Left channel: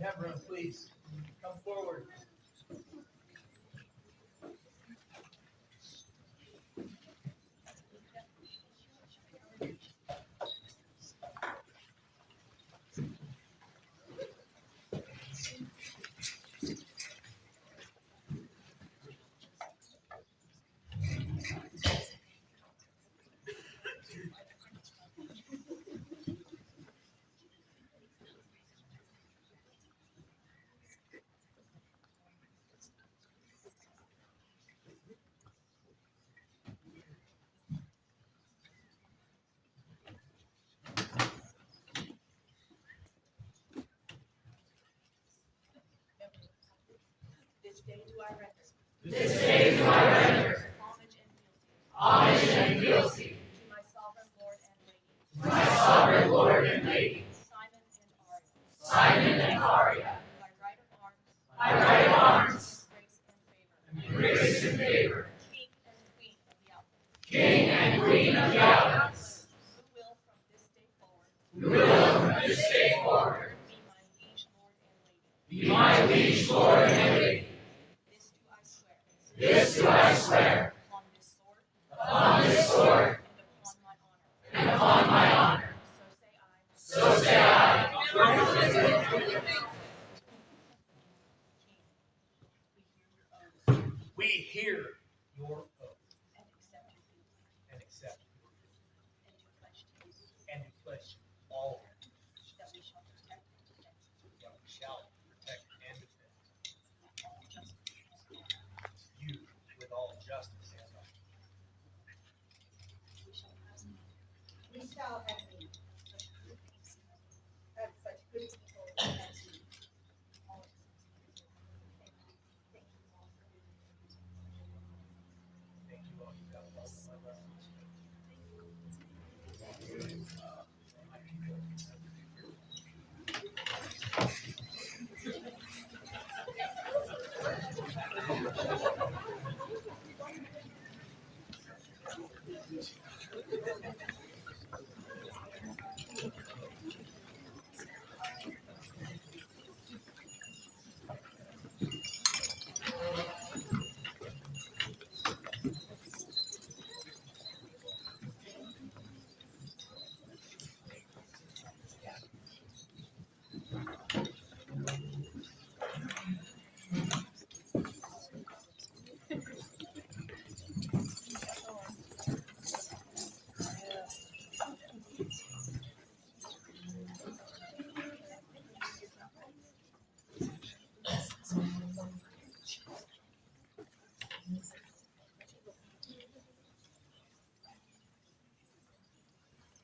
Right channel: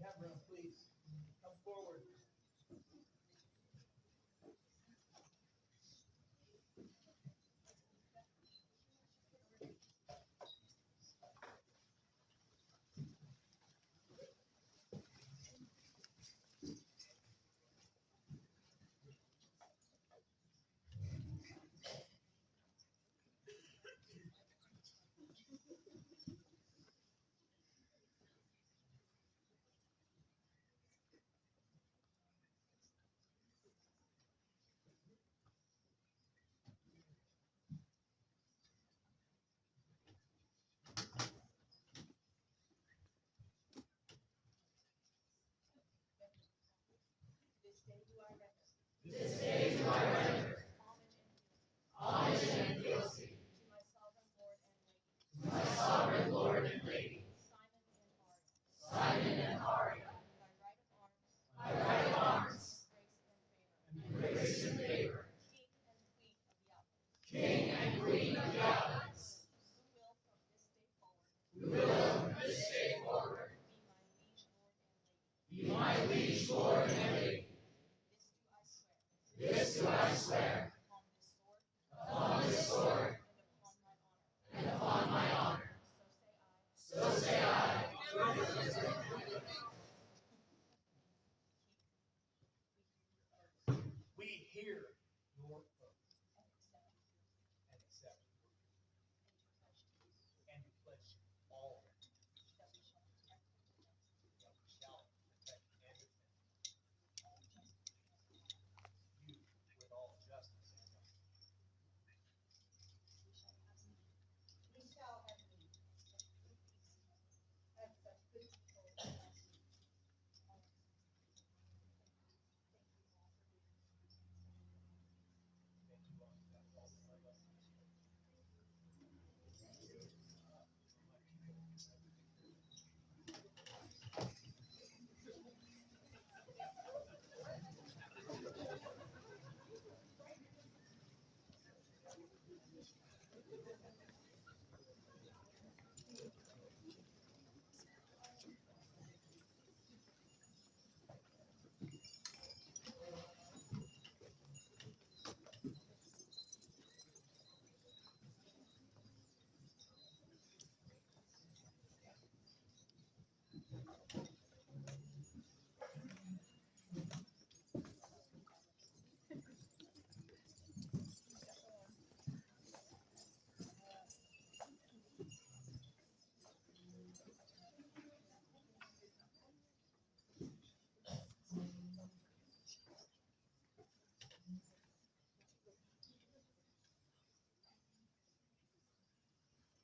you have room, please come forward. This day do I render homage and fealty to my sovereign Lord and Lady, Simon and Aria, my right of arms, and grace and favor, King and Queen of the Outlands, who will from this day forward be my liege lord and lady. This do I swear upon this sword and upon my honor. So say I. We hear your oath and accept and to pledge all that we shall protect and defend you with all justice and right. We shall have such good people as you. Thank you all. You got a lot of my lessons.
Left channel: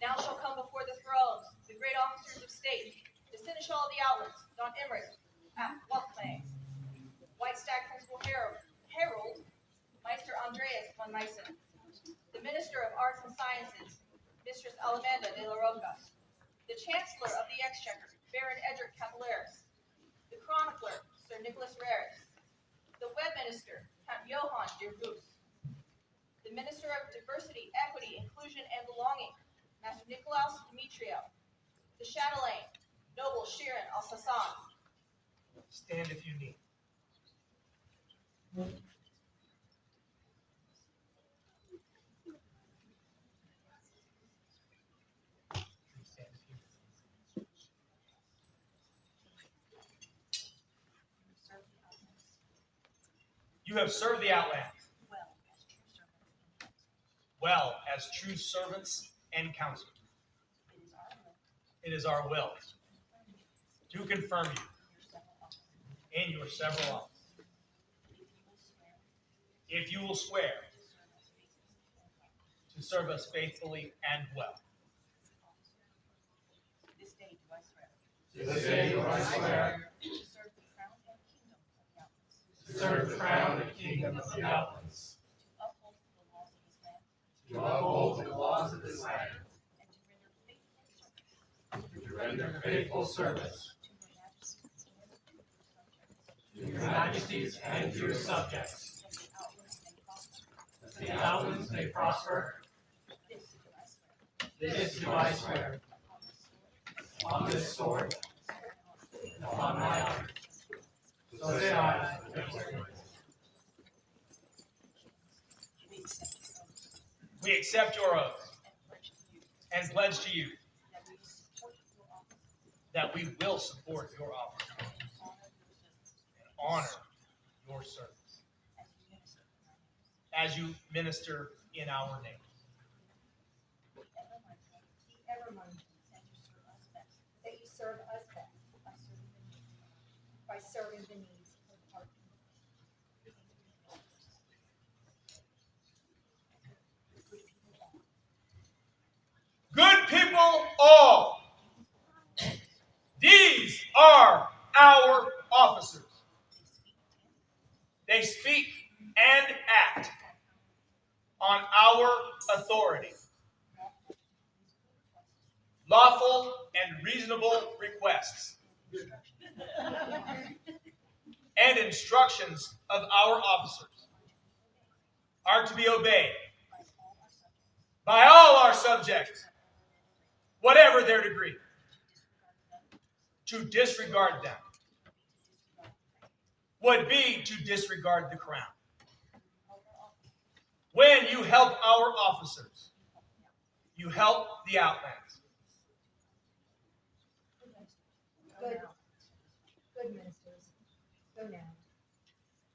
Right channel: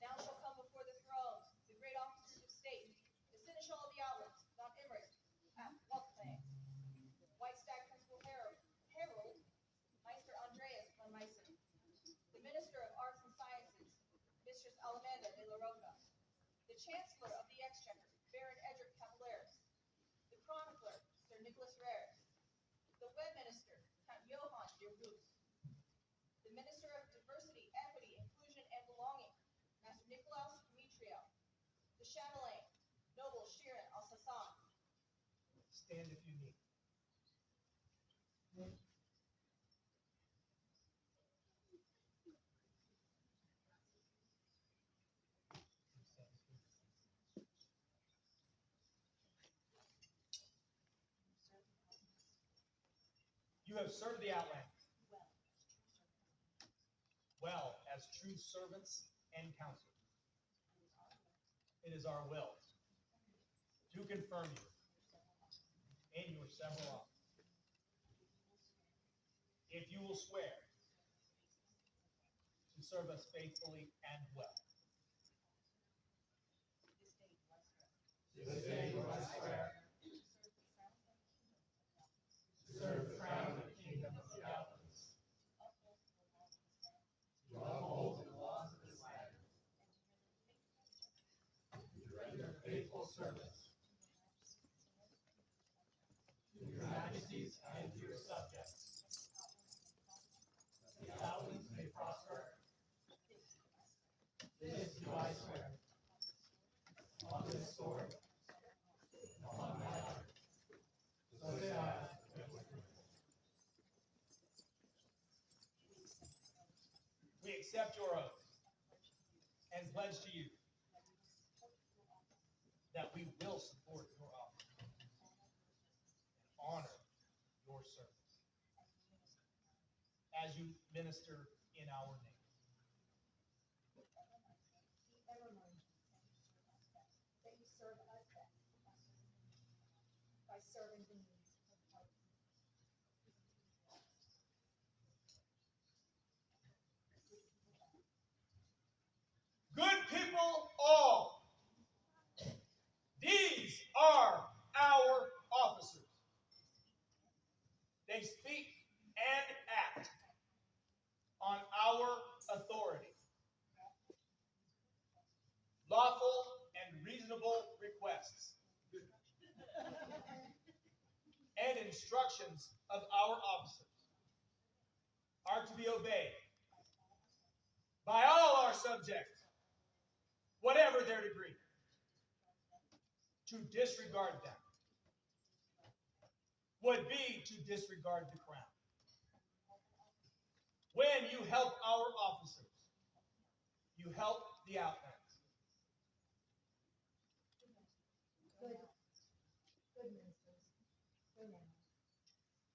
Now shall come before the thrones the great officers of state, the seneschal of the Outlands, Don Emmerich, Outlands, White Stag Principal Harold, Meister Andreas von Meissen, the Minister of Arts and Sciences, Mistress Alamanda de la Roca, the Chancellor of the Exchequer, Baron Edric Capillaris, the Chronicler, Sir Nicholas Raris, the Web Minister, Count Johann de Roos, the Minister of Diversity, Equity, Inclusion, and Belonging, Master Nicolaus Demetrio, the Chatelaine, Noble Shirin Al-Sassan. Stand if you need. Stand if you need. You have served the Outlands well as true servants and counselors. It is our will to confirm you in your several offices. If you will swear to serve us faithfully and well. This day do I swear to serve the crown and kingdom of the Outlands, to uphold the laws of this land, and to render faithful service to your majesties and to your subjects, that the Outlands may prosper. This do I swear. On this sword, and upon my So say aye. We accept your oath and pledge to you that we will support your office and honor your service as you minister in our name. That you serve us best by serving the needs of our people. Good people all, these are our officers. They speak and act on our authority. Lawful and reasonable requests and instructions of our officers are to be obeyed by all our subjects, whatever their degree. To disregard them would be to disregard the crown. When you help our officers, you help the Outlands. Good ministers, go now.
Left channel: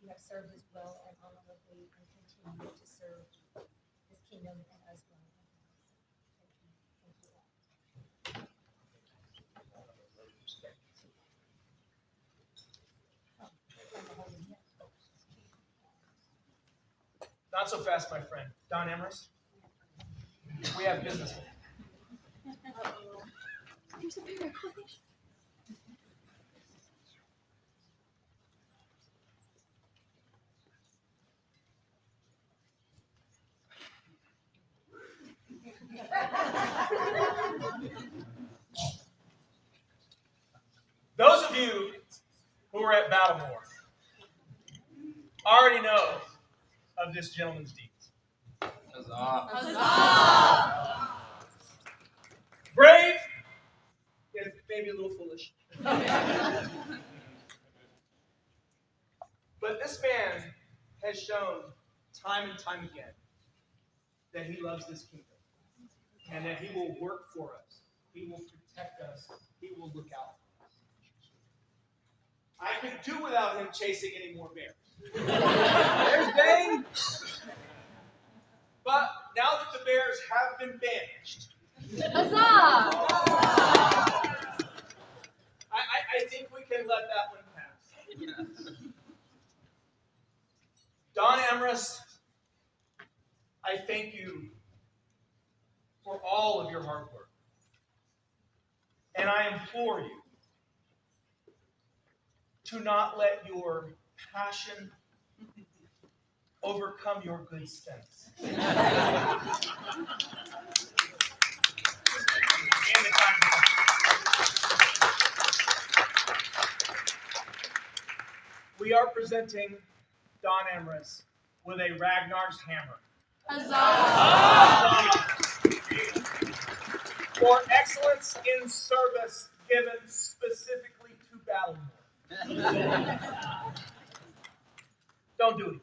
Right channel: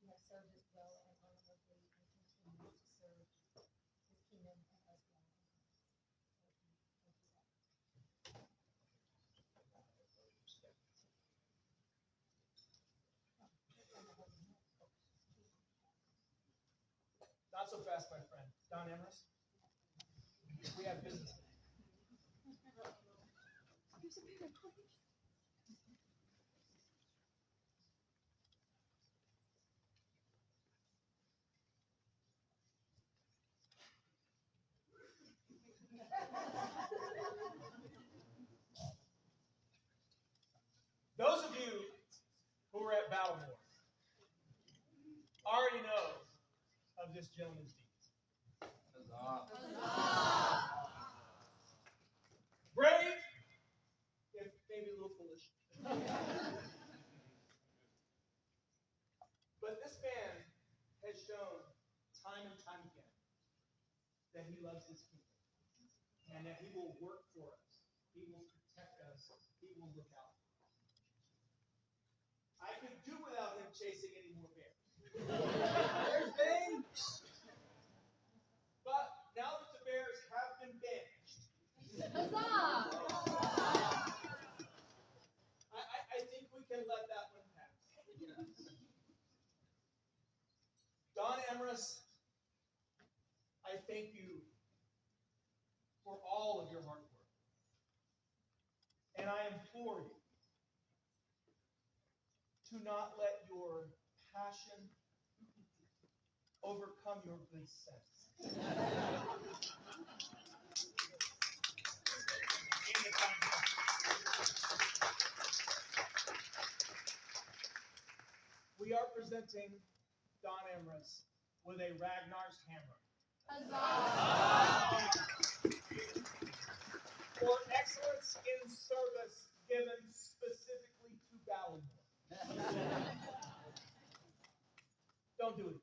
You have served us well and honorably and continue to serve this kingdom and us well. Thank you all. Not so fast, my friend. Don Emrys, we have business. Those of you who were at Battlemore already know of this gentleman's deeds. Brave, if maybe a little foolish. But this man has shown time and time again that he loves this kingdom and that he will work for us. He will protect us. He will look out for us. I could do without him chasing any more bears. There's Bane. But now that the bears have been banished, I think we can let that one pass. Don Emrys, I thank you for all of your hard work. And I implore you to not let your passion overcome your good sense. And the time we are presenting Don Emrys with a Ragnar's hammer. For excellence in service given specifically to Battlemore. Don't do it.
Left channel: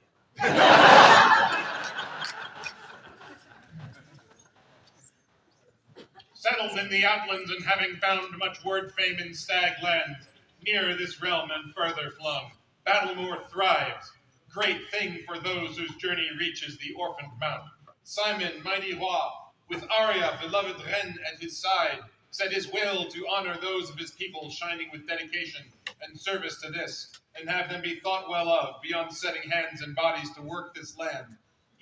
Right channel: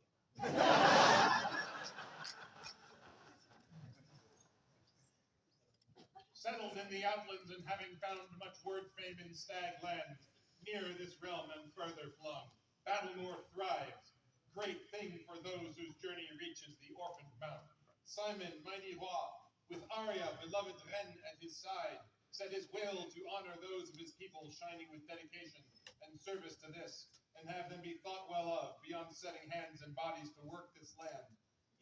Settled in the Outlands and having found much word fame in Stag Land, near this realm and further flung, Battlemore thrives. Great thing for those whose journey reaches the orphaned mount. Simon, mighty roi, with Aria, beloved reine, at his side, set his will to honor those of his people, shining with dedication and service to this, and have them be thought well of, beyond setting hands and bodies to work this land,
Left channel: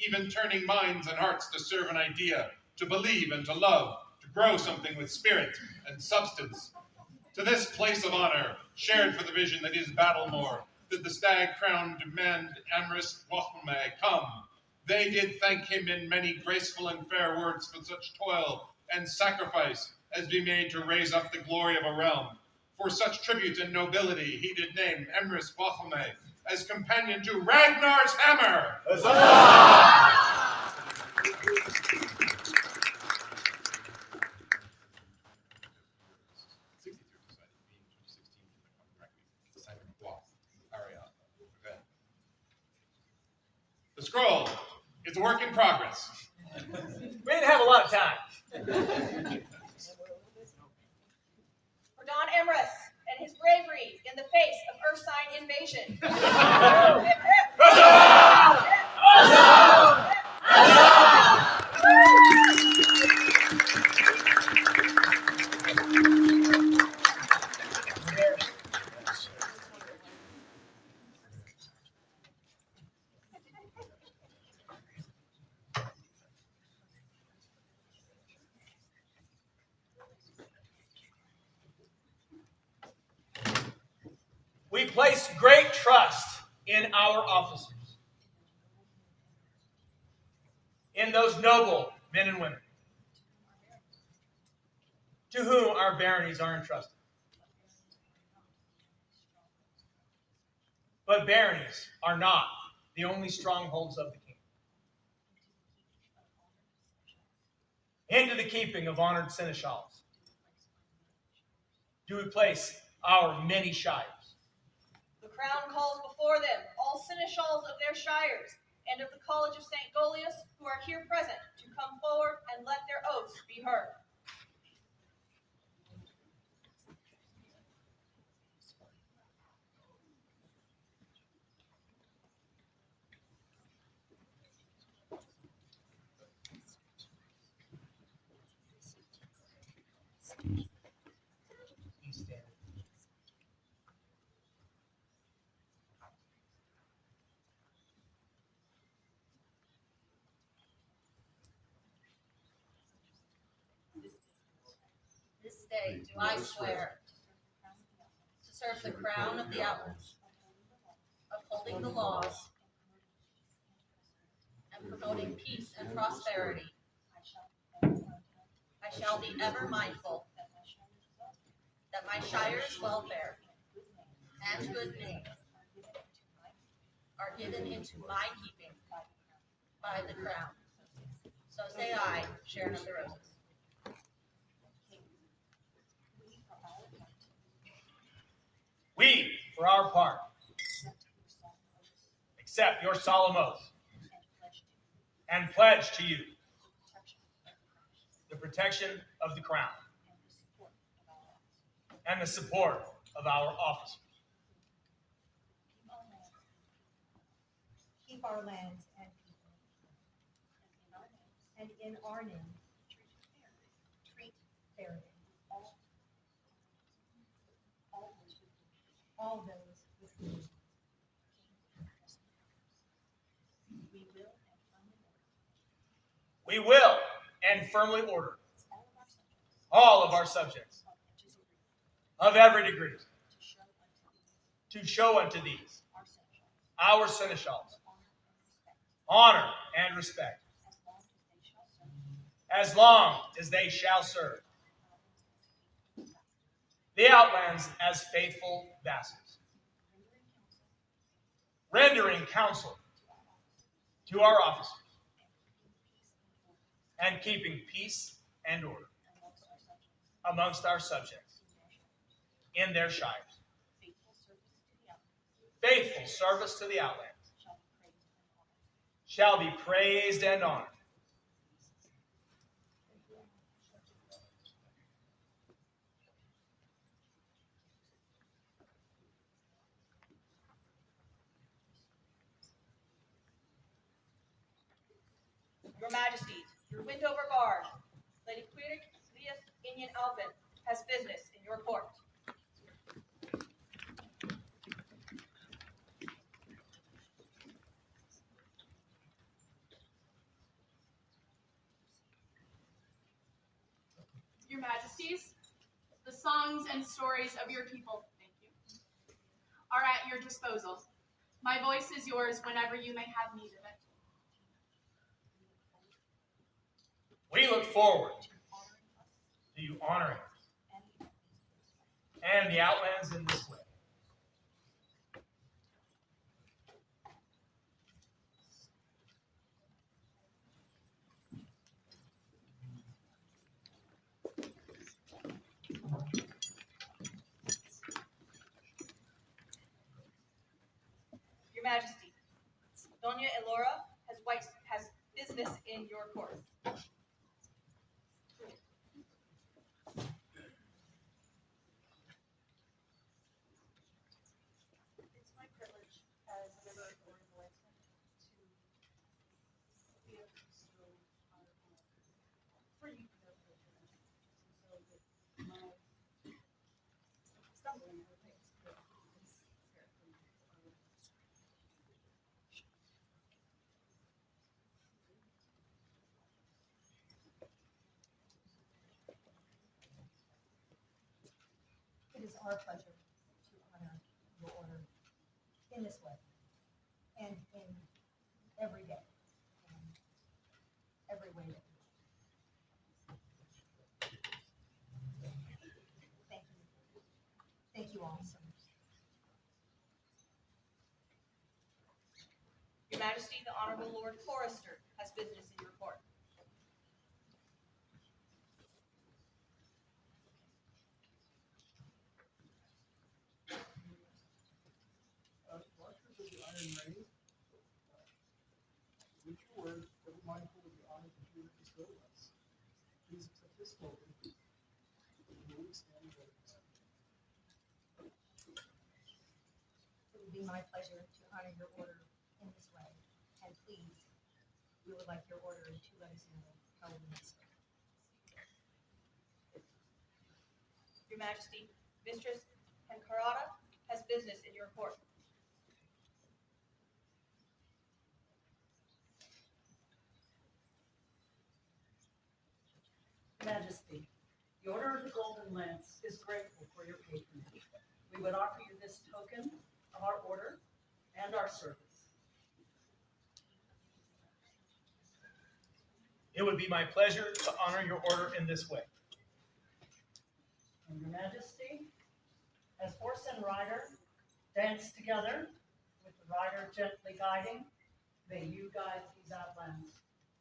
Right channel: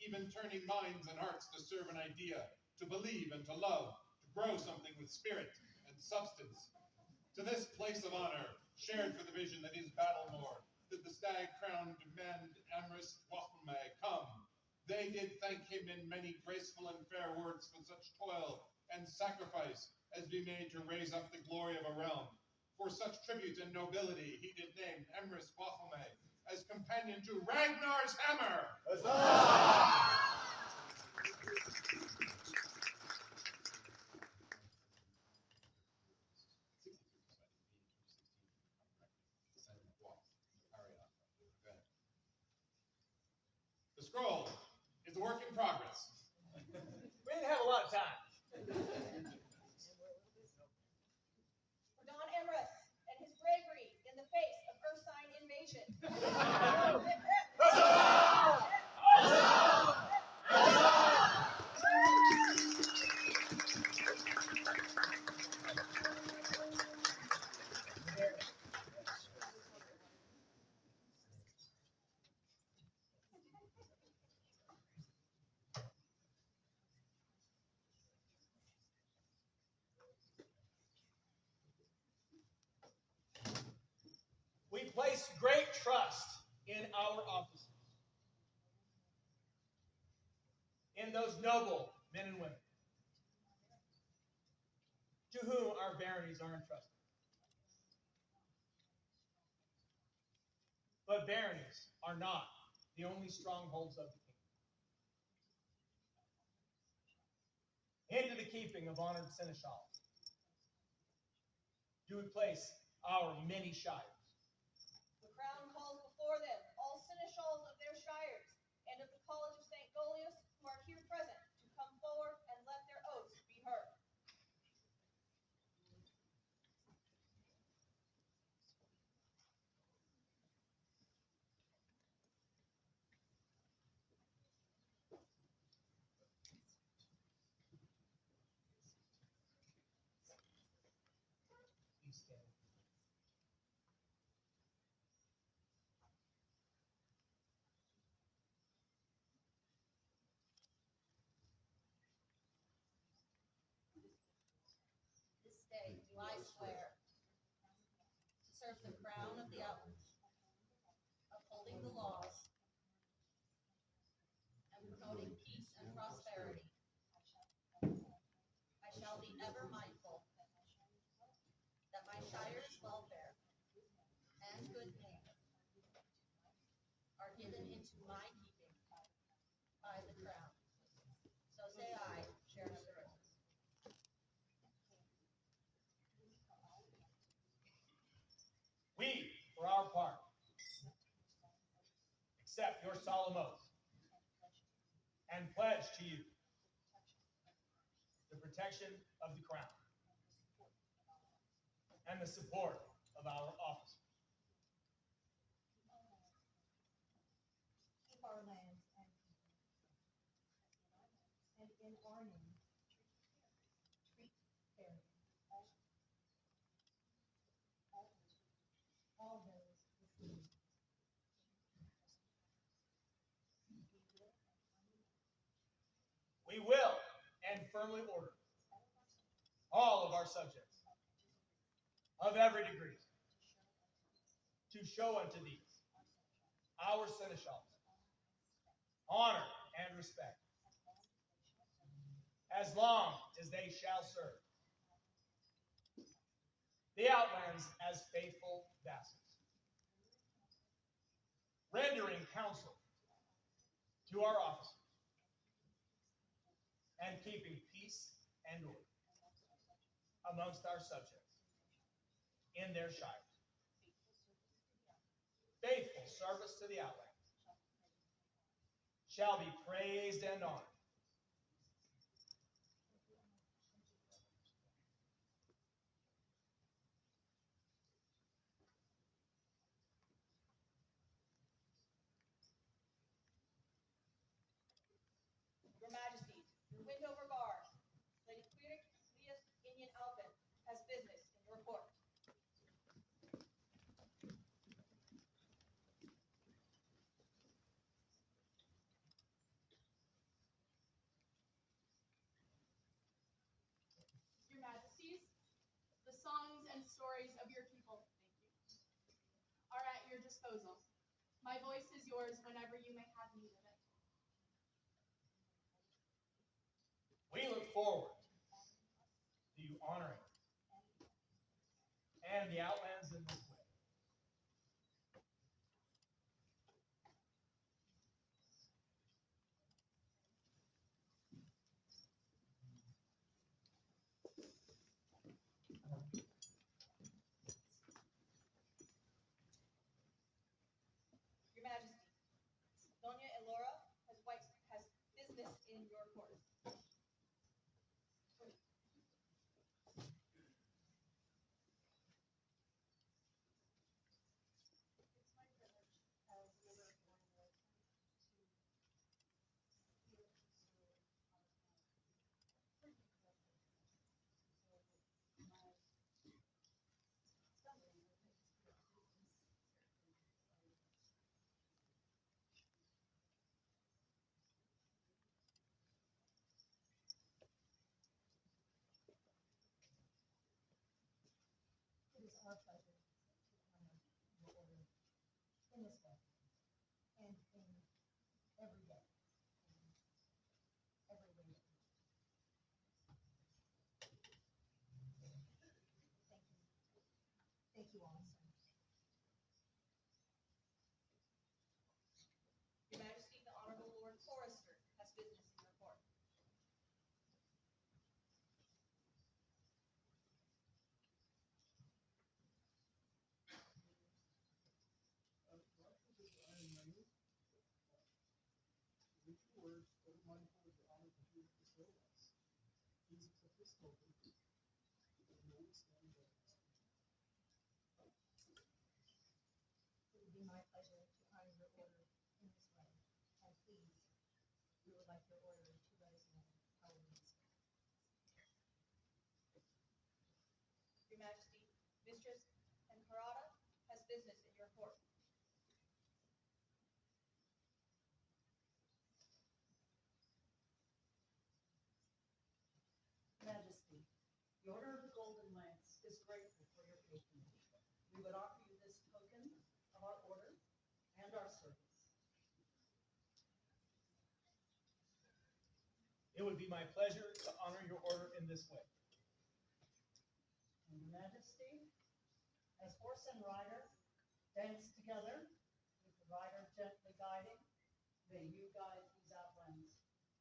even turning minds and hearts to serve an idea, to believe and to love, to grow something with spirit and substance. To this place of honor, shared for the vision that is Battlemore, did the stag-crowned man Emrys Bohme come. They did thank him in many graceful and fair words for such toil and sacrifice as be made to raise up the glory of a realm. For such tribute and nobility he did name Emrys Bohme as companion to Ragnar's hammer. It's a work in progress. We didn't have a lot of time. For Don Emrys and his bravery in the face of Ursine invasion. We place great trust in our officers, in those noble men and women to whom our baronies are entrusted. But baronies are not the only strongholds of the kingdom. Into the keeping of honored seneschals do we place our many shires. The crown calls before them all seneschals of their shires and of the College of St. Golius who are here present to come forward and let their oaths be heard. This day do I swear to serve the crown of the Outlands, upholding the laws and promoting peace and prosperity. I shall be ever mindful that my shire's welfare and good name are given into my keeping by the crown. So say I, Sharon of the Roses. We, for our part, accept your solemn oath and pledge to you the protection of the crown and the support of our officers. Keep our lands and people, and in our name, treat fairly all those with whom We will and firmly order all of our subjects of every degree to show unto these, our seneschals, honor and respect, as long as they shall serve the Outlands as faithful vassals, rendering counsel to our officers and keeping peace and order amongst our subjects in their shires. Faithful service to the Outlands shall be praised and honored. Your Majesties, your Windover Guard, Lady Quirik Lias Inyan Alvin, has business in your court. Your Majesties, the songs and stories of your people, thank you, are at your disposal. My voice is yours whenever you may have need of it. We look forward to you honoring us and the Outlands in this way. Your Majesty, Doña Elora has is our pleasure to honor your order in this way and in every day, and every way that we Thank you. Thank you all so much. Your Majesty, the Honorable Lord Forester has business in your court. Watchers of the Iron Ring, with your word, ever mindful of the honor that you have bestowed on us. Please accept this token. Will we stand ready? It would be my pleasure to honor your order in this way, and please, we would like your order to let us know how we may serve. Your Majesty, Mistress Hencarata has business in your court. Majesty, the Order of the Golden Lance is grateful for your patronage. We would offer you this token of our order and our service. It would be my pleasure to honor your order in this way. And Your Majesty, as horse and rider dance together, with the rider gently guiding, may you guide these outlands.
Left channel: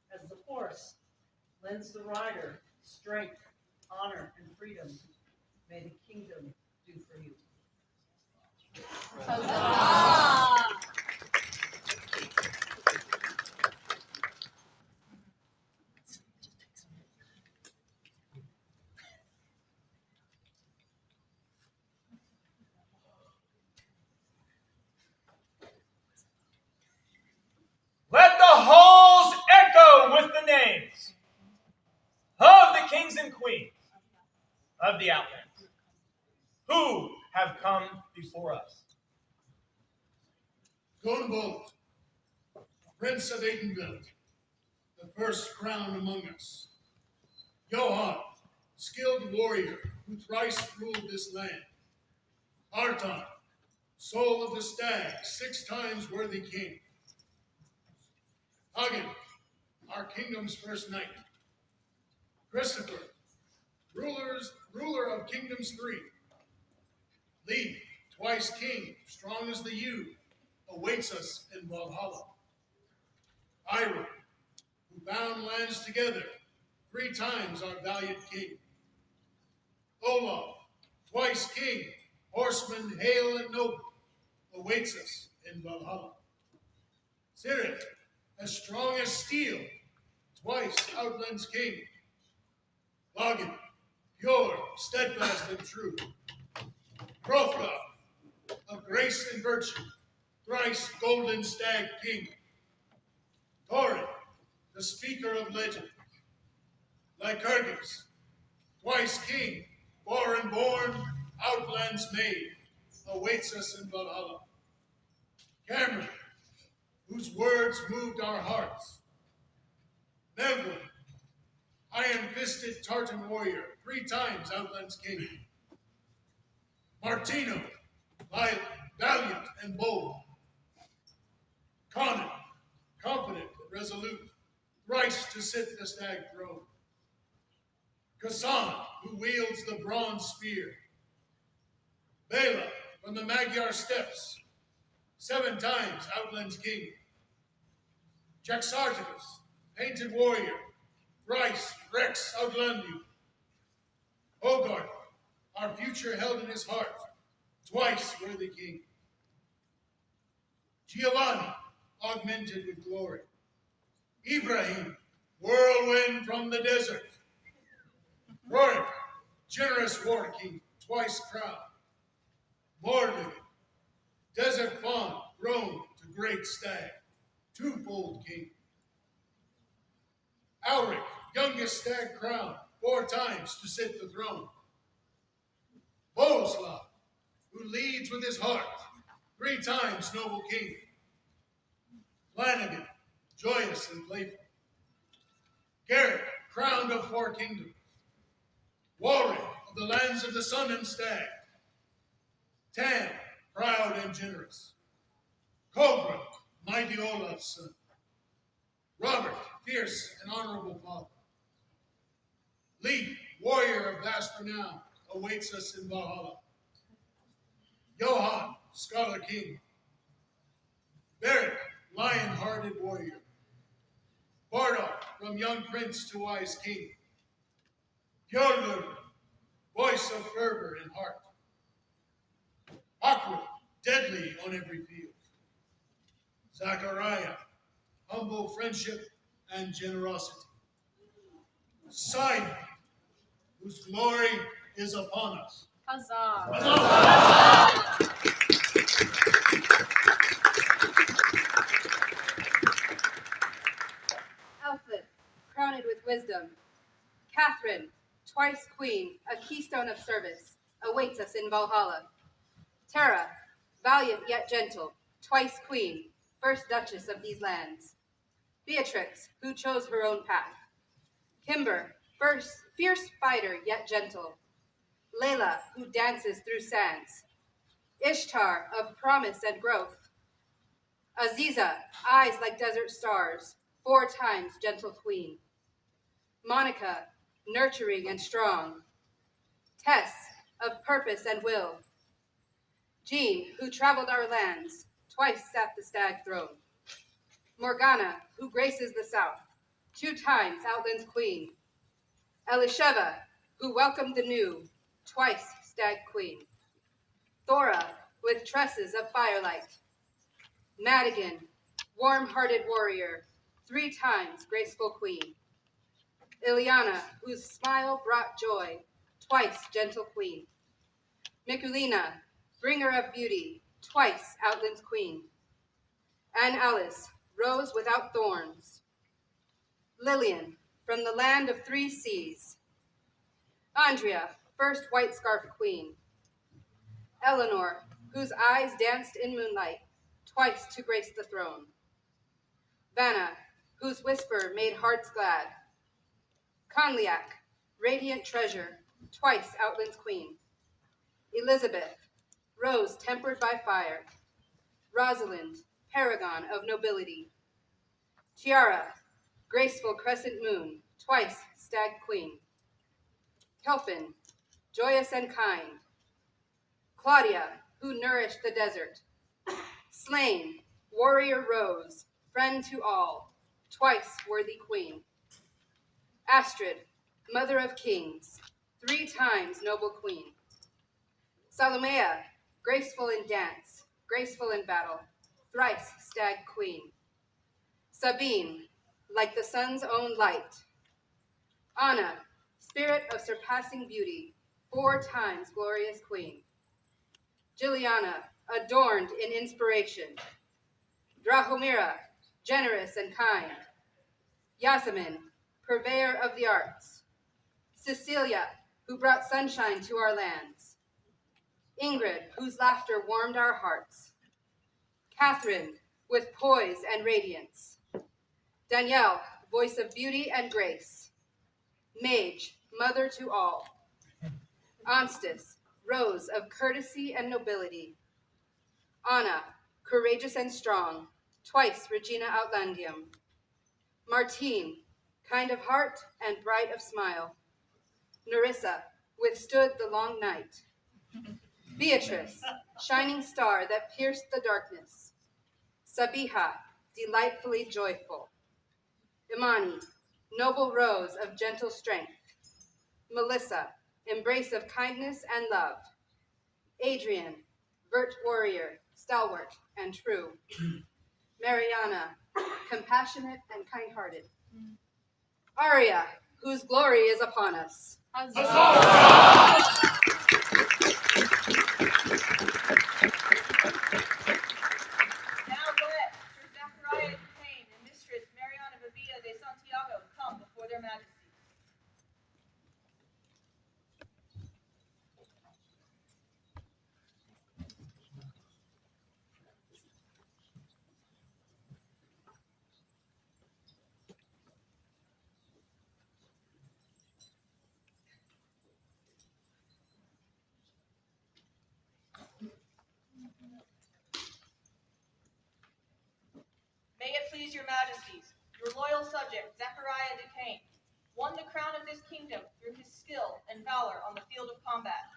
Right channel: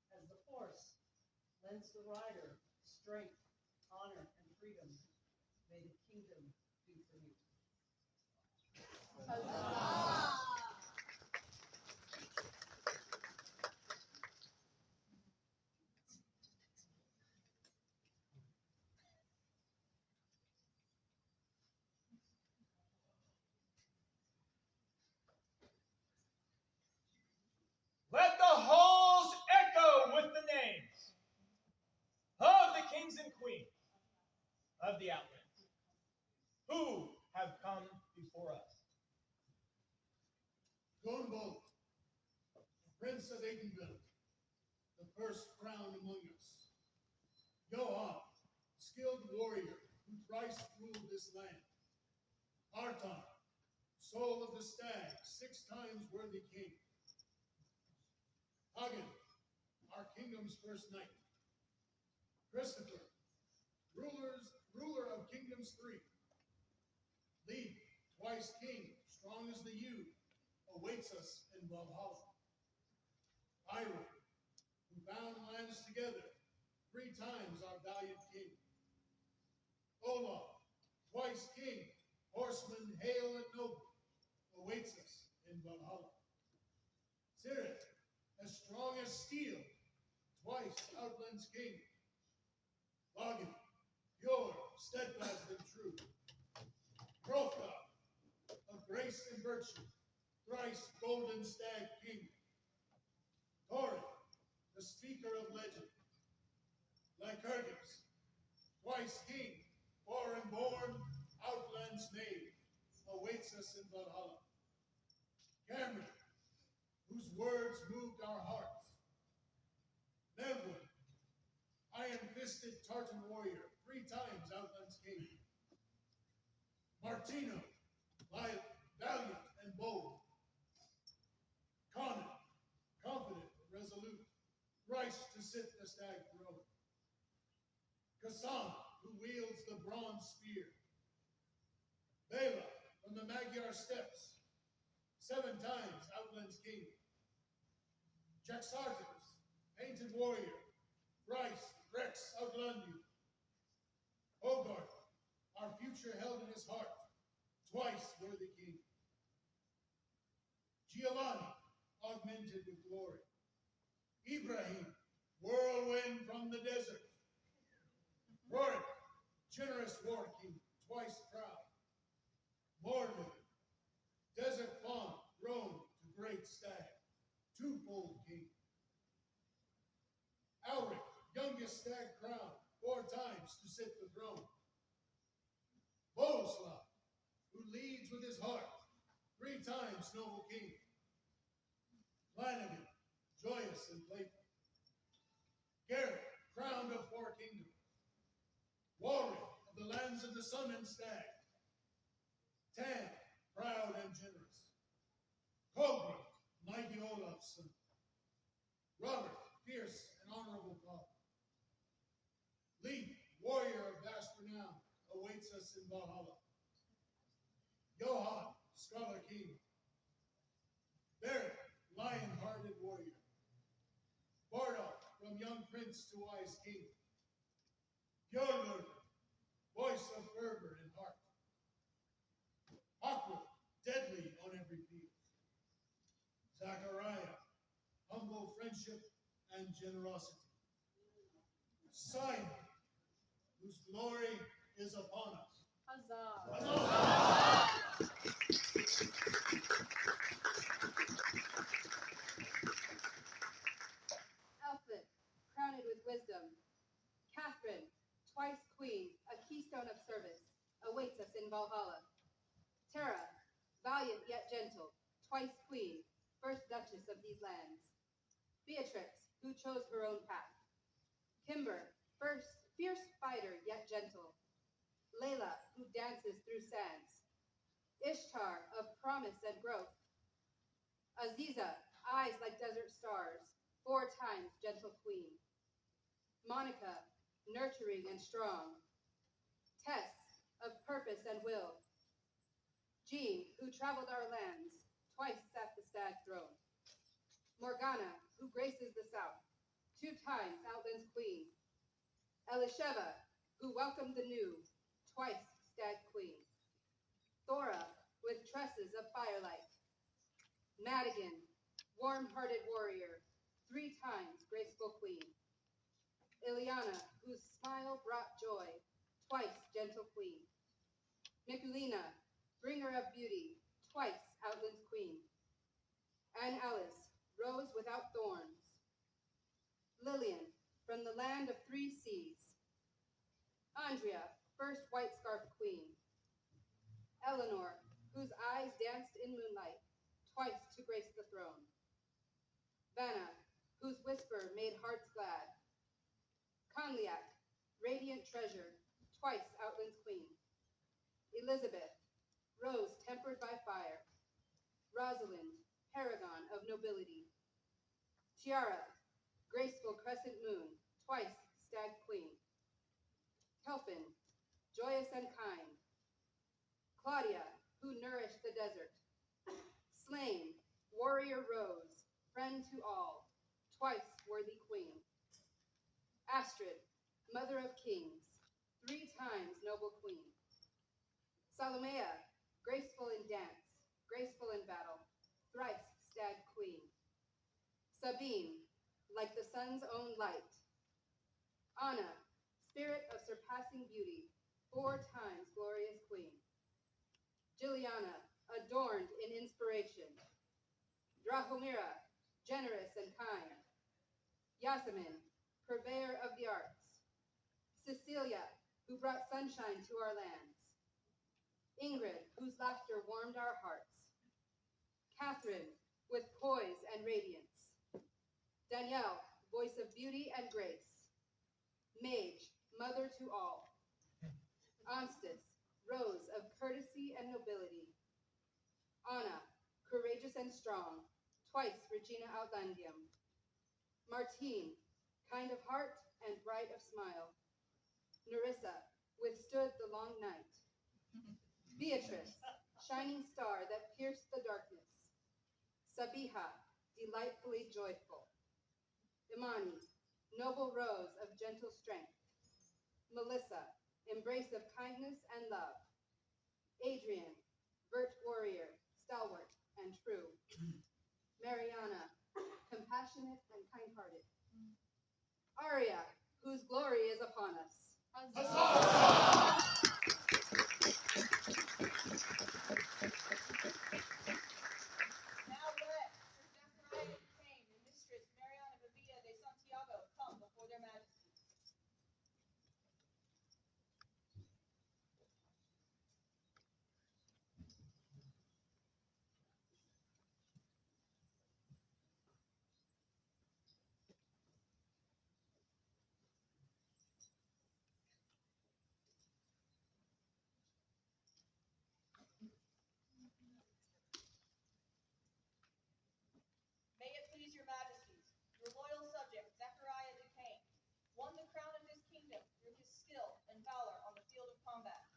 As the horse lends the rider strength, honor, and freedom, may the kingdom do for you. Let the halls echo with the names of the kings and queens of the Outlands who have come before us. Gunbolt, Prince of Aidenveld, the first crown among us. Johann, skilled warrior who thrice ruled this land. Artan, soul of the stag, 6 times worthy king. Hagen, our kingdom's first knight. Christopher, ruler of kingdoms 3. Leif, twice king, strong as the yew, awaits us in Valhalla. Ira, who bound lands together, 3 times our valiant king. Olaf, twice king, horseman hale and noble, awaits us in Valhalla. Sirith, as strong as steel, twice Outlands king. Logan, pure, steadfast, and true. Hrothgar, of grace and virtue, thrice golden stag king. Thorin, the speaker of legend. Lycurgus, twice king, foreign born, Outlands made, awaits us in Valhalla. Cameron, whose words moved our hearts. Neville, iron-fisted Tartan warrior, 3 times Outlands king. Martino, valiant and bold. Conan, confident and resolute, thrice to sit the stag throne. Kassan, who wields the bronze spear. Bela, from the Magyar steppes, 7 times Outlands king. Jaxarticus, painted warrior, thrice Rex Outlandium. Hogarth, our future held in his heart, twice worthy king. Giovanni, augmented with glory. Ibrahim, whirlwind from the desert. Rorik, generous war king, twice crowned. Mordred, desert fawn, grown to great stag, 2-fold king. Alric, youngest stag crowned, 4 times to sit the throne. Boleslav, who leads with his heart, 3 times noble king. Flanagan, joyous and playful. Garrett, crowned of 4 kingdoms. Warwick, of the lands of the sun and stag, Tam, proud and generous. Cobra, mighty Olaf's son. Robert, fierce and honorable father. Leaf, warrior of vast renown, awaits us in Valhalla. Johann, scholar king. Beric, lion-hearted warrior. Bardolph, from young prince to wise king. Fjordlund, voice of fervor and heart. Aqua, deadly on every field. Zachariah, humble friendship and generosity. Simon, whose glory is upon us. Huzzah! Alfred, crowned with wisdom. Catherine, twice queen, a keystone of service, awaits us in Valhalla. Tara, valiant yet gentle, twice queen, first duchess of these lands. Beatrix, who chose her own path. Kimber, fierce fighter yet gentle. Layla, who dances through sands. Ishtar, of promise and growth. Aziza, eyes like desert stars, 4 times gentle queen. Monica, nurturing and strong. Tess, of purpose and will. Jean, who traveled our lands, twice sat the stag throne. Morgana, who graces the south, 2 times Outlands queen. Elisheva, who welcomed the new, twice stag queen. Thora, with tresses of firelight. Madigan, warm-hearted warrior, 3 times graceful queen. Ileana, whose smile brought joy, twice gentle queen. Mikulina, bringer of beauty, twice Outlands queen. And Alice, rose without thorns. Lillian, from the land of 3 seas. Andrea, first white scarf queen. Eleanor, whose eyes danced in moonlight, twice to grace the throne. Vanna, whose whisper made hearts glad. Conliac, radiant treasure, twice Outlands queen. Elizabeth, rose tempered by fire. Rosalind, paragon of nobility. Tiara, graceful crescent moon, twice stag queen. Kelphin, joyous and kind. Claudia, who nourished the desert. Slain, warrior rose, friend to all, twice worthy queen. Astrid, mother of kings, 3 times noble queen. Salomea, graceful in dance, graceful in battle, thrice stag queen. Sabine, like the sun's own light. Anna, spirit of surpassing beauty, 4 times glorious queen. Juliana, adorned in inspiration. Drahomira, generous and kind. Yasemin, purveyor of the arts. Cecilia, who brought sunshine to our lands. Ingrid, whose laughter warmed our hearts. Catherine, with poise and radiance. Danielle, voice of beauty and grace. Mage, mother to all. Anstis, rose of courtesy and nobility. Anna, courageous and strong, twice Regina Outlandium. Martine, kind of heart and bright of smile. Nerissa, withstood the long night. Beatrice, shining star that pierced the darkness. Sabiha, delightfully joyful. Imani, noble rose of gentle strength. Melissa, embrace of kindness and love. Adrian, vert warrior, stalwart and true. Mariana, compassionate and kind-hearted. Aria, whose glory is upon us. Huzzah! Now let Sir Zachariah Duquesne and Mistress Mariana Vivia de Santiago come before their majesties. your majesties, your loyal subject, Zechariah Duquesne, won the crown of this kingdom through his skill and valor on the field of combat,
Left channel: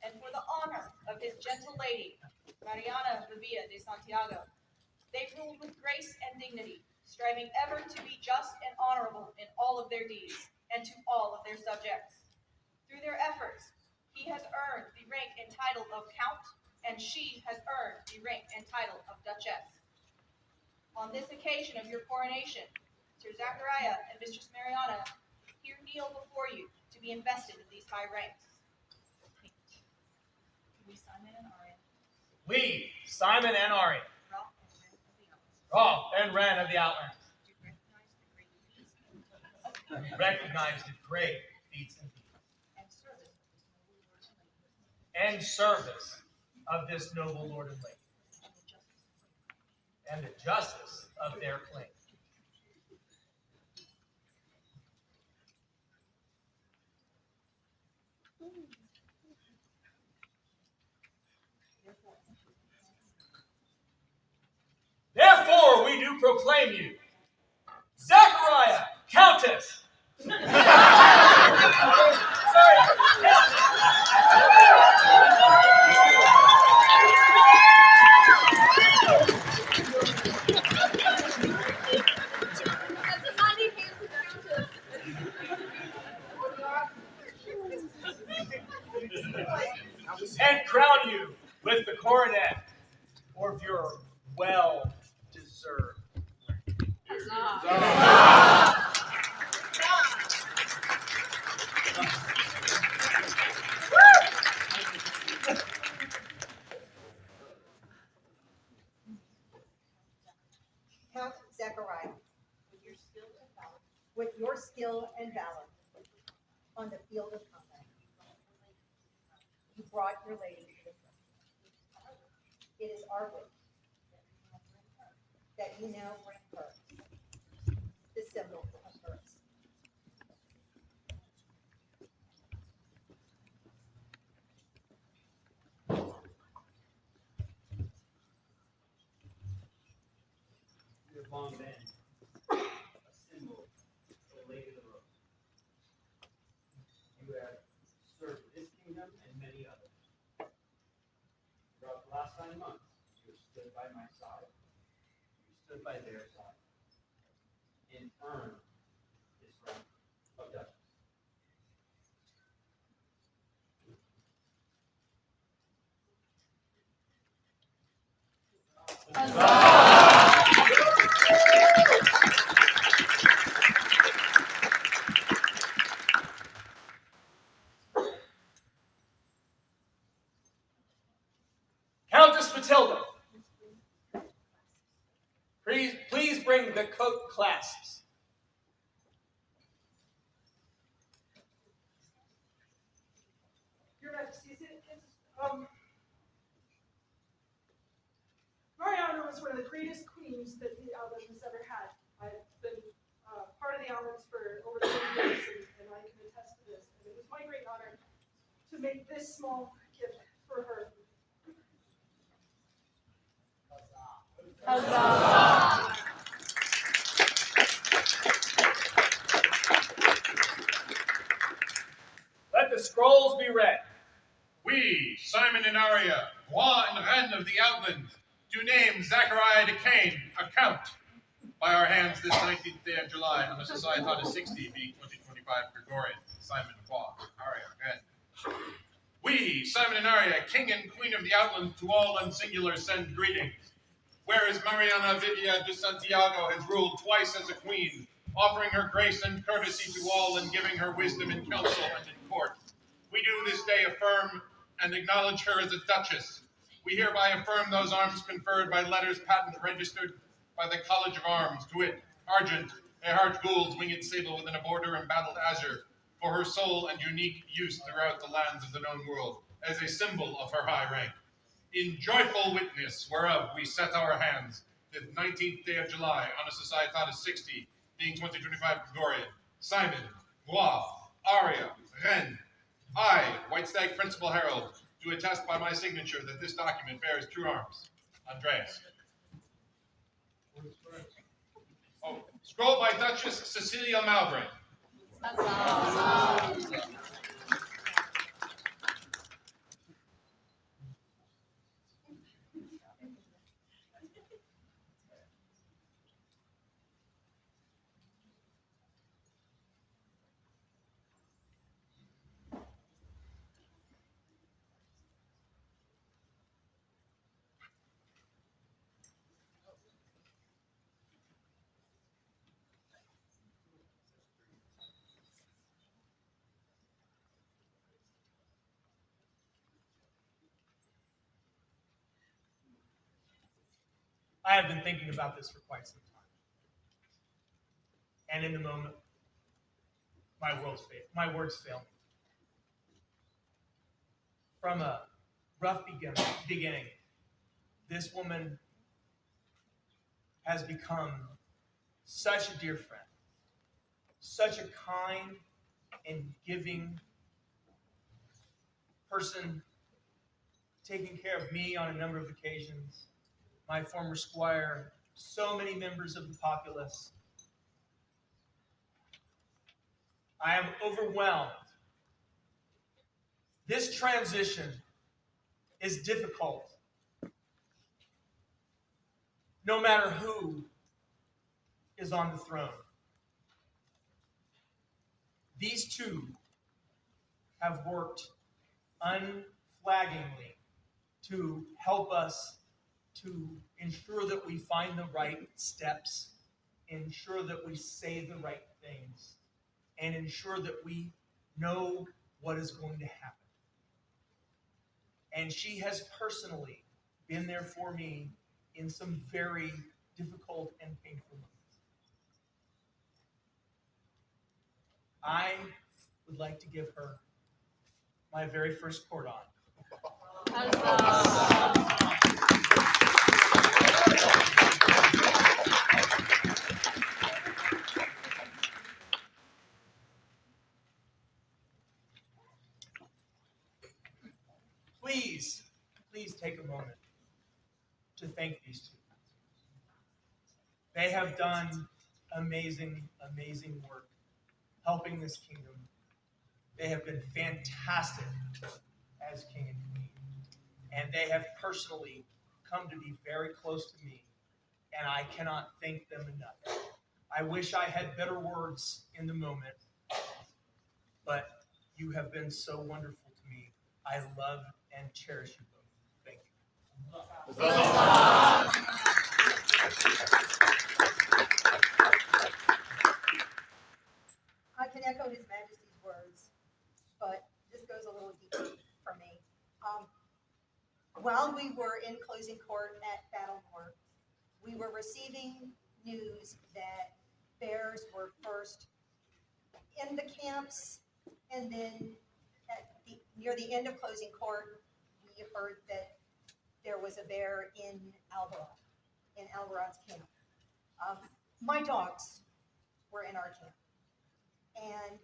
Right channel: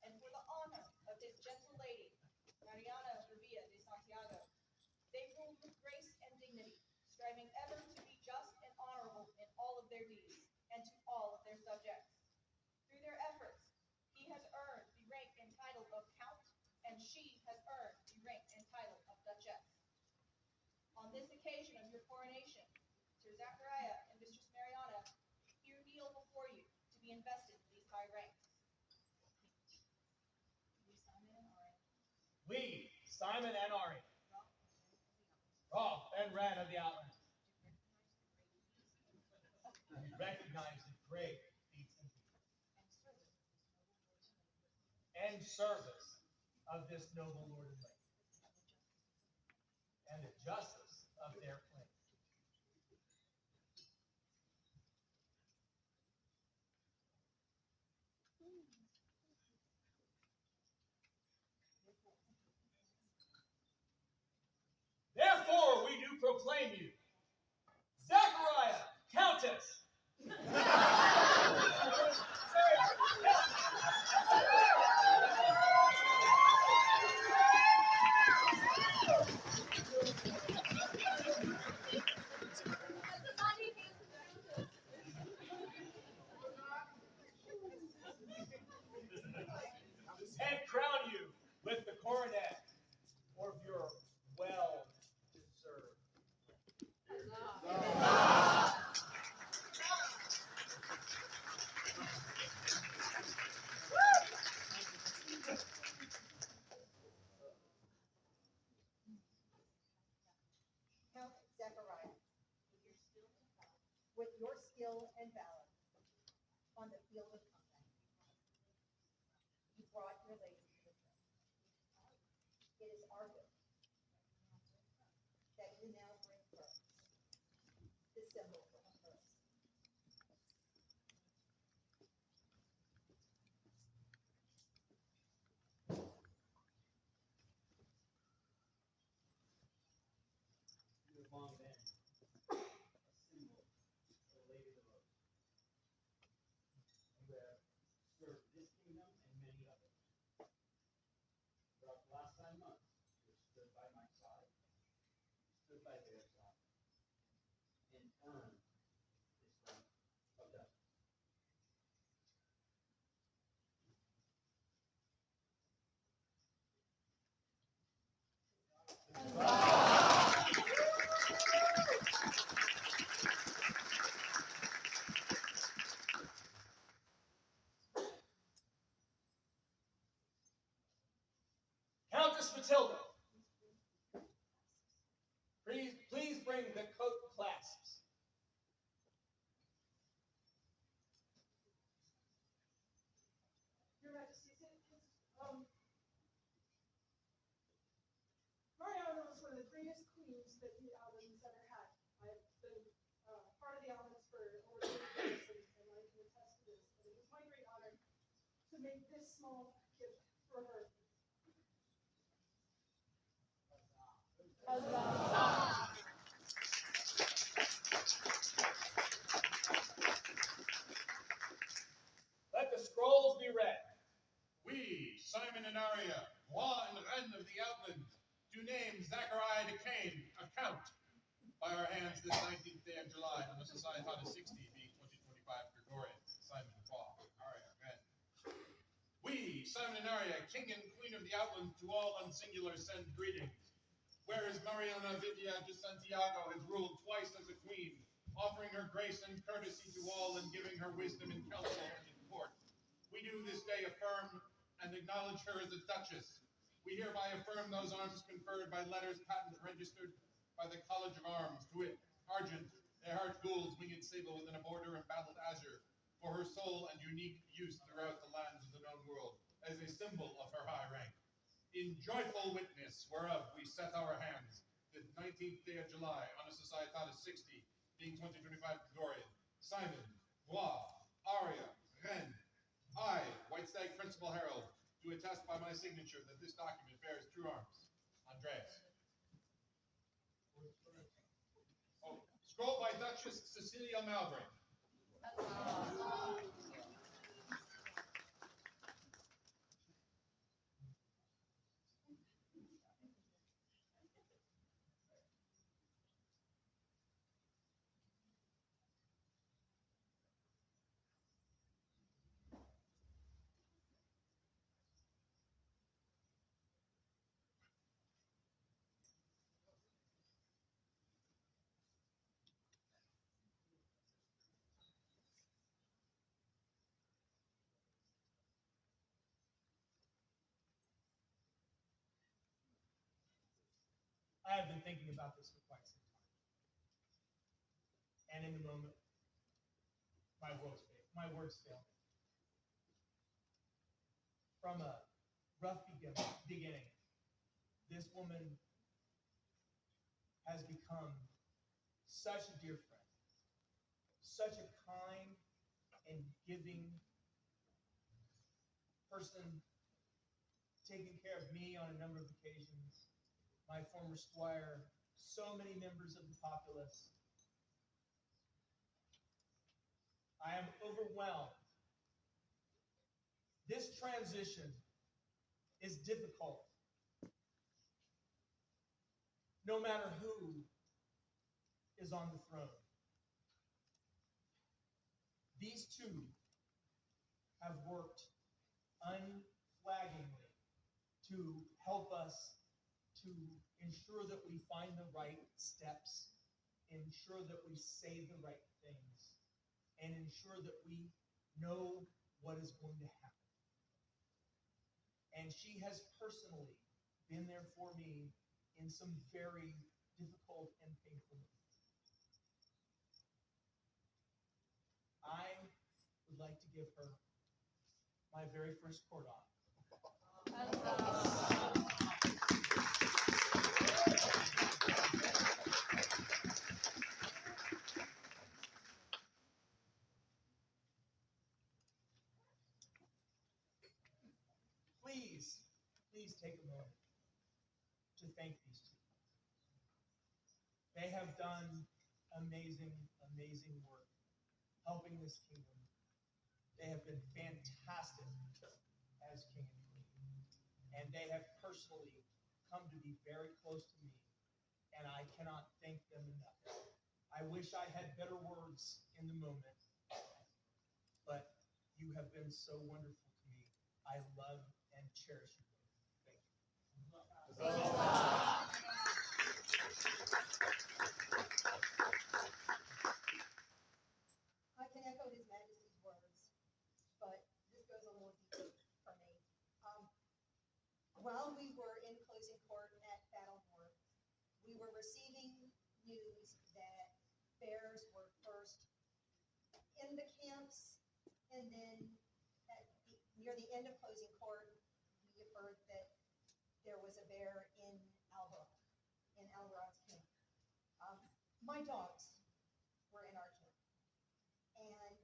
and for the honor of his gentle lady, Mariana Vivia de Santiago. They ruled with grace and dignity, striving ever to be just and honorable in all of their deeds, and to all of their subjects. Through their efforts, he has earned the rank and title of Count, and she has earned the rank and title of Duchess. On this occasion of your coronation, Sir Zachariah and Mistress Mariana here kneel before you to be invested in these high ranks. We, Simon and Aria, We, Simon and Aria, Roth and Ren of the Outlands, Roth and Ren of the Outlands, recognize the great feats and service of this noble lord and lady, and the justice of their claim. Therefore, we do proclaim you, Zachariah, Countess. And crown you with the coronet of your well-deserved. Count Zechariah, with your skill and valor on the field of combat, you brought your lady to the front. It is our wish that you now bring her the symbol of hers. You have long been a symbol of the Lady of the Rose. You have served this kingdom and many others. Throughout the last 9 months, you have stood by my side. You stood by their side. And earned this rank of Duchess. Countess Matilda, please bring the coat clasps. Your Majesty, Mariana was one of the greatest queens that the Outlands has ever had. I've been part of the Outlands for over 20 years, and I can attest to this. And it was my great honor to make this small gift for her. Huzzah! Let the scrolls be read. We, Simon and Aria, Roth and Ren of the Outlands, do name Zachariah Duquesne a count by our hands this 19th day of July on the Societas 60 being 2025 Gregorian. Simon, Roth, Aria, Ren. We, Simon and Aria, King and Queen of the Outlands, to all unsingular send greetings. Whereas Mariana Vivia de Santiago has ruled twice as a queen, offering her grace and courtesy to all and giving her wisdom in council and in court, we do this day affirm and acknowledge her as a duchess. We hereby affirm those arms conferred by letters patent registered by the College of Arms, to wit, Argent, Earhart Gould's winged sable within a border embattled azure, for her sole and unique use throughout the lands of the known world, as a symbol of her high rank. In joyful witness whereof we set our hands, the 19th day of July, on a Societas 60, being 2025 Gregorian, Simon, Roth, Aria, Ren, I, White Stag Principal Herald, do attest by my signature that this document bears true arms. Andreas. Scroll by Duchess Cecilia Mowbray. I have been thinking about this for quite some time. And in the moment, my words fail me. From a rough beginning, this woman has become such a dear friend, such a kind and giving person, taking care of me on a number of occasions, my former squire, so many members of the populace. I am overwhelmed. This transition is difficult. No matter who is on the throne. These two have worked unflaggingly to help us to ensure that we find the right steps, ensure that we say the right things, and ensure that we know what is going to happen. And she has personally been there for me in some very difficult and painful moments. I would like to give her my very first court on. Please take a moment to thank these two. They have done amazing, amazing work helping this kingdom. They have been fantastic as king and queen. And they have personally come to be very close to me, and I cannot thank them enough. I wish I had better words in the moment, but you have been so wonderful to me. I love and cherish you both. Thank you. I can echo His Majesty's words, but this goes a little deeper for me. While we were in closing court at Battlemore, we were receiving news that bears were first in the camps, and then near the end of closing court, we heard that there was a bear in Alvaron's camp. My dogs were in our camp, and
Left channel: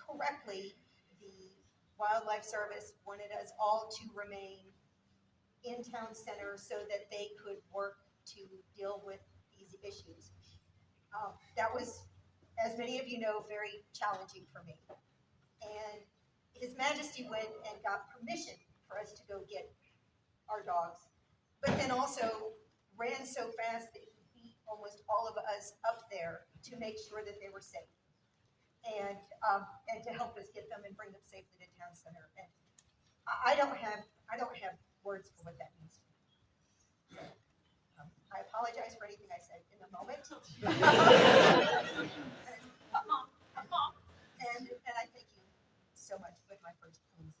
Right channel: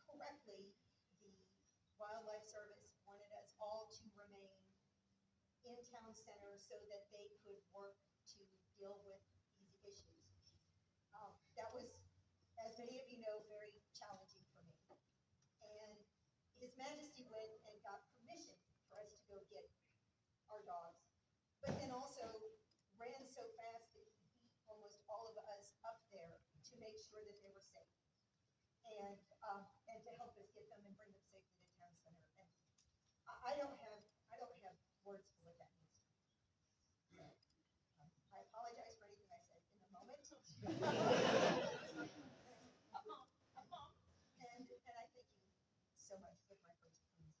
correctly, the Wildlife Service wanted us all to remain in town center so that they could work to deal with these issues. That was, as many of you know, very challenging for me. And His Majesty went and got permission for us to go get our dogs, but then also ran so fast that he beat almost all of us up there to make sure that they were safe, and to help us get them and bring them safely to town center. And I don't have words for what that means. I apologize for anything I said in the moment. And I thank you so much with my first queen's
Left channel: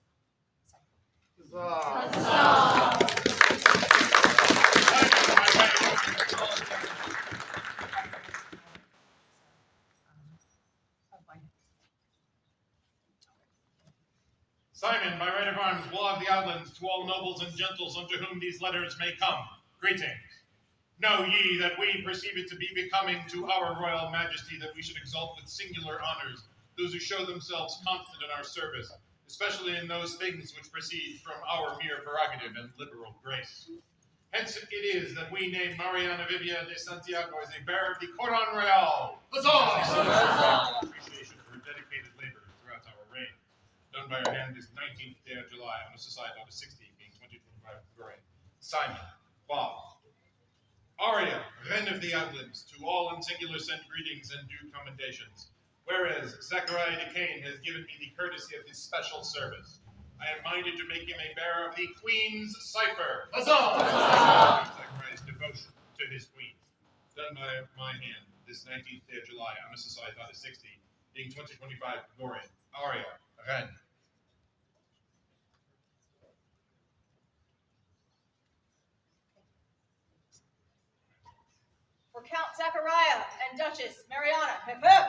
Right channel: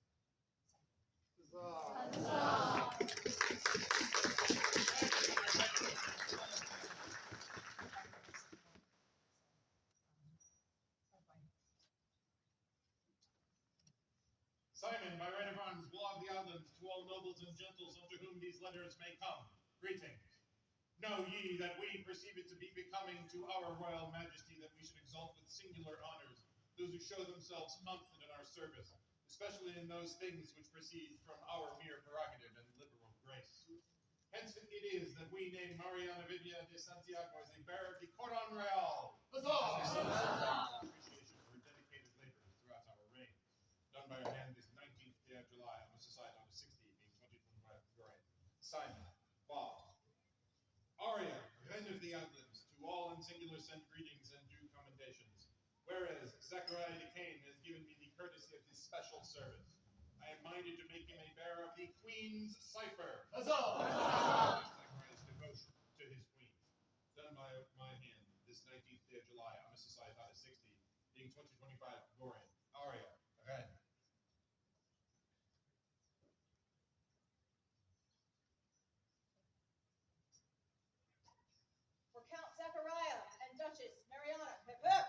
Simon, by right of arms, law of the Outlands, to all nobles and gentles unto whom these letters may come, greetings. Know ye that we perceive it to be becoming to our royal majesty that we should exalt with singular honors those who show themselves constant in our service, especially in those things which proceed from our mere prerogative and liberal grace. Hence it is that we name Mariana Vivia de Santiago as a bearer of the Coron Real. Huzzah! Appreciation for her dedicated labor throughout our reign. Done by her hand this 19th day of July on the society on the 60th, being 2025 Gregorian. Simon, Bob, Aria, Reine of the Outlands, to all in singular send greetings and due commendations. Whereas Zachariah Decane has given me the courtesy of his special service, I am minded to make him a bearer of the Queen's cipher. Huzzah! Zachariah's devotion to his queen. Done by my hand this 19th day of July on the society on the 60th, being 2025 Gregorian. Aria, Reine. For Count Zachariah and Duchess Mariana. Hip hip!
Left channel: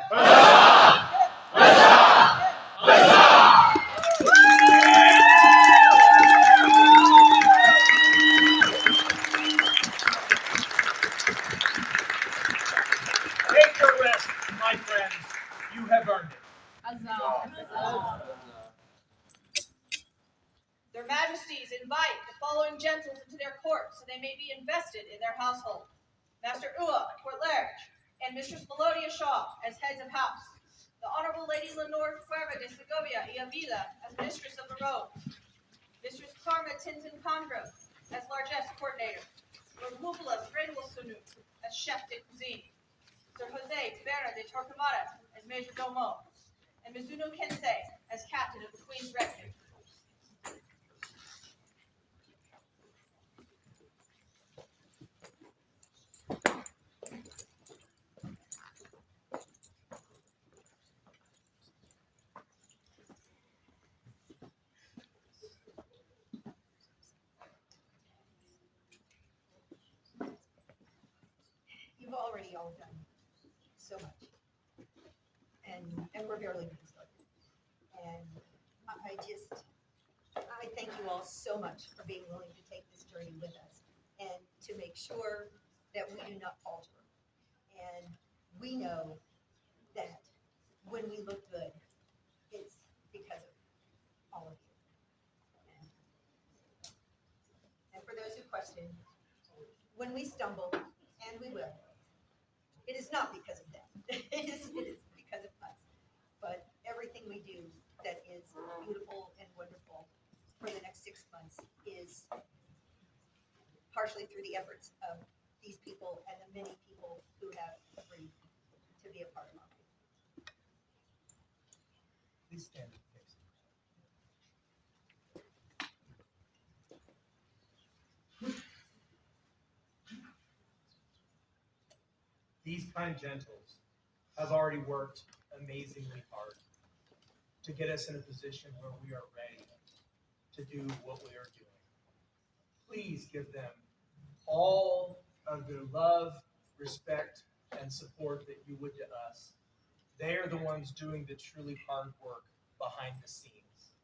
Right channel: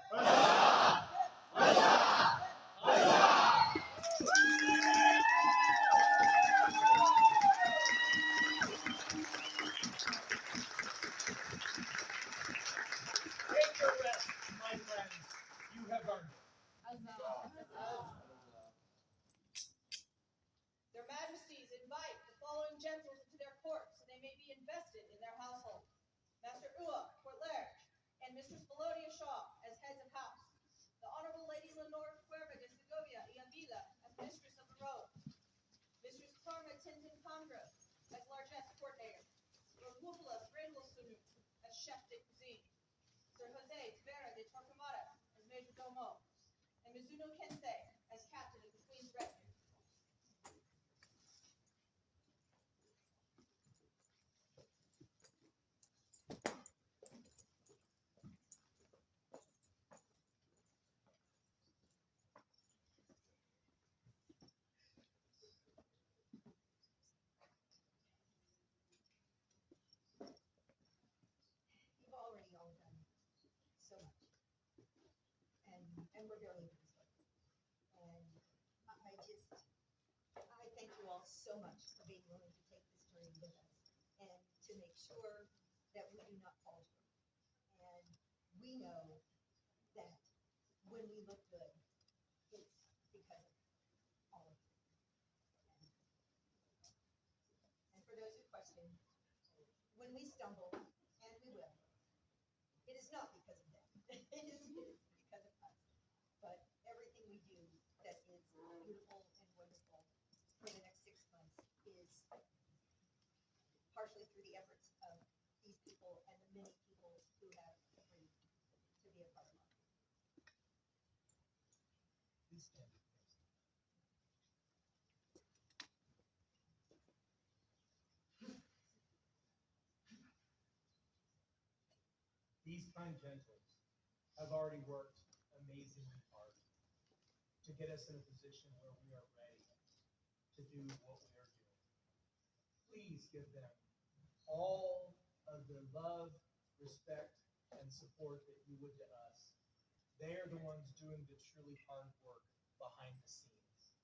Take your rest, my friends. You have earned it. Their Majesties invite the following gentles into their court so they may be invested in their household. Master Ua, Court Large, and Mistress Melodia Shaw as heads of house. The Honorable Lady Lenore Cuerva de Segovia y Avila as Mistress of the Robes. Mistress Karma Tintin Condro as Largesse Coordinator. Lord Lupulas Redwilsunu as Chef de Cuisine. Sir Jose Tavera de Torquemada as Major Domo. And Mizuno Kensei as Captain of the Queen's Retinue. You've already all done so much. And we're barely getting started. And I thank you all so much for being willing to take this journey with us and to make sure that we do not falter. And we know that when we look good, it's because of all of you. And for those who question, when we stumble, and we will, it is not because of them. It is because of us. But everything we do that is beautiful and wonderful for the next 6 months is partially through the efforts of these people and the many people who have agreed to be a part of our life. Please stand and face me. These kind gentles have already worked amazingly hard to get us in a position where we are ready to do what we are doing. Please give them all of the love, respect, and support that you would to us. They are the ones doing the truly hard work behind the scenes.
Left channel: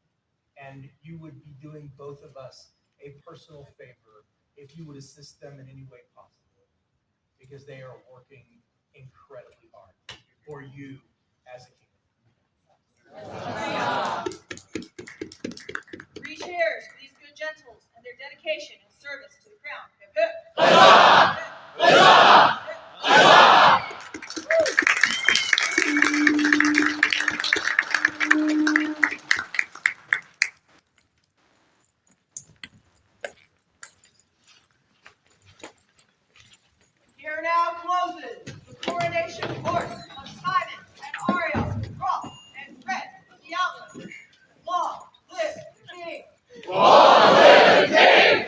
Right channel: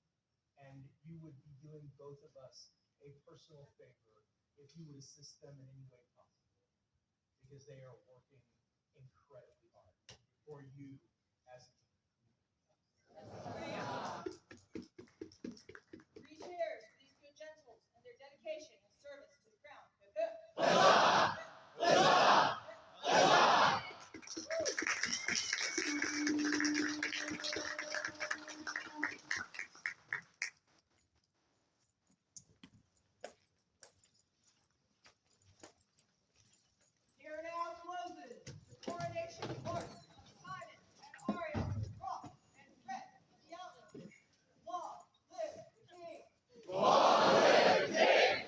And you would be doing both of us a personal favor if you would assist them in any way possible, because they are working incredibly hard for you as a kingdom. 3 cheers for these good gentles and their dedication and service to the crown. Hip hip! Here now closes the coronation court of Simon and Aria, Roth and Red of the Outlands. Long live the king! Long live the king!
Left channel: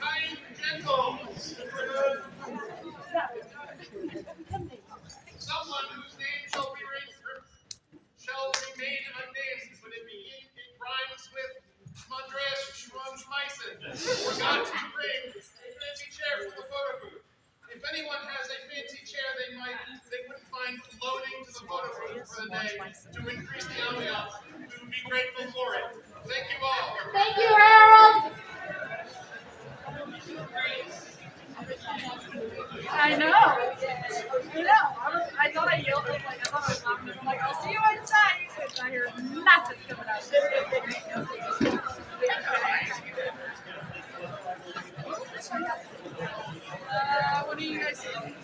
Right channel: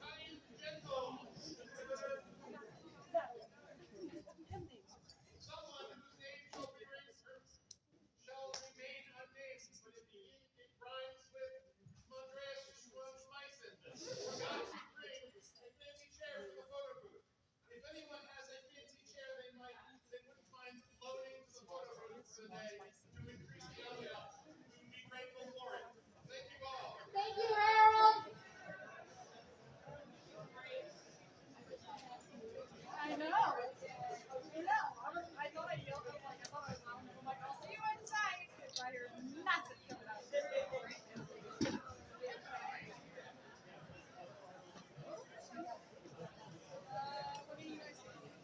Kind gentle. Someone whose name shall remain unnamed, but it rhymes with Madres Schmumschmeisen. Forgot to bring a fancy chair for the photo booth. If anyone has a fancy chair they wouldn't mind loaning to the photo booth for the day to increase the ambiance, we would be grateful for it. Thank you all. Thank you, Harold. I know. I thought I yelled like I thought I was laughing. I'm like, I'll see you inside. And I hear nothing coming out. What do you guys think?